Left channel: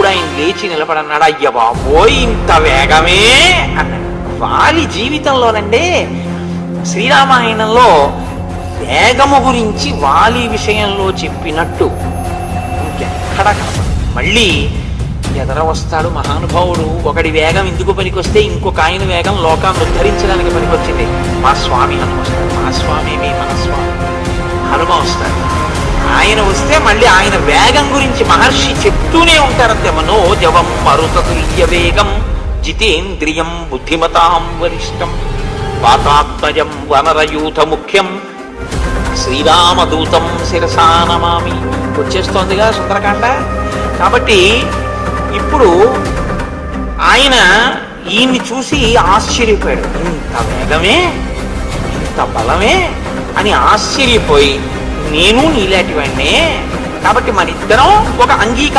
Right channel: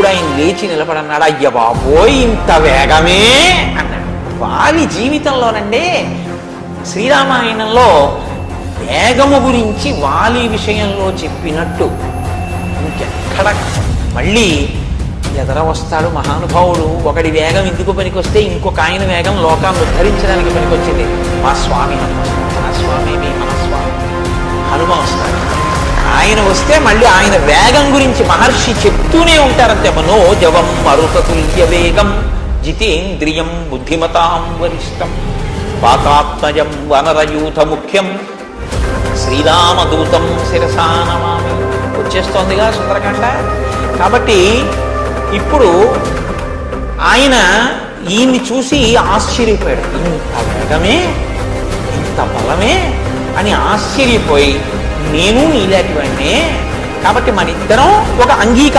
అప్పుడు ఆయన లేచి నిలబడన్నాడు. అయ్య బాబోయ్, ఇంత వేగమే అన్నాడు. వారి జీవితంలోనండి శ్రీరామాయణంలో వేగము గురించి వాలి విషయంలో చెప్పినట్టు ఇంకెక్కడ మళ్ళీ ఎదర వస్తాడు మహానుభావుడు. ఒకడి వేగం ఎందుకు పనికొస్తే ఇంకొక ఆయన వేగం లోకాన్ని ఉద్ధరించడానికి పనికొచ్చింది. మా స్వామి హనుమ స్వామి మీ మనస్వామి హనుమ వస్తాడు. ఆయన వస్తే మళ్ళీ ఆయన వేగం గురించి మహర్షి చెప్తూనే ఉంటారంటే మనోజవం మరుతతుల్య వేగం జితేంద్రియం బుద్ధిమతాం వరిష్టం వాతాత్మజం వనరయూథ ముఖ్యం శ్రీరామదూతం శిరసా నమామి. వచ్చేస్తోందిగా సుందరకాండ. కాబట్టి ఇప్పుడు ఆయన ఈయన్ని చూసి ఆశ్చర్యపోయాడు. ఇంత వేగమే, ఇంత బలమే అని ఆశ్చర్యపోయి, నేను నీలాంటి వాడినే, కాబట్టి మన ఇద్దరం ఒక అంగీకారం